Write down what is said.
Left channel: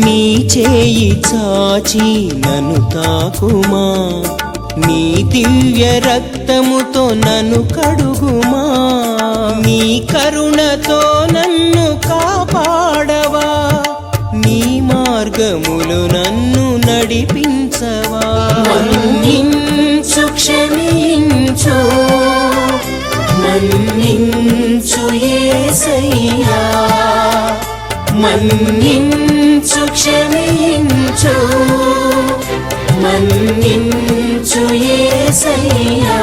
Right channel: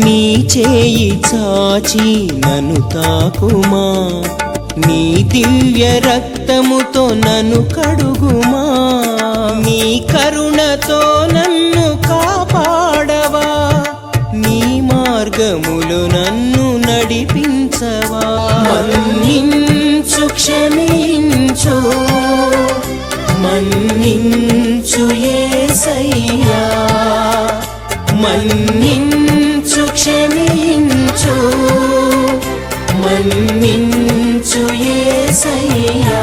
నీ చేయి చాచి నన్ను తాకుమా, నీ దివ్య రక్తముతో నన్ను కడుగుమా, నీ కరుణతో నన్ను కాపాడవా, నీ మార్గములు నన్ను నడిపించవా. మన్నించు క్షమించు మన్నించు యేసయ్యా, మన్నించు క్షమించు మన్నించు యేసయ్యా.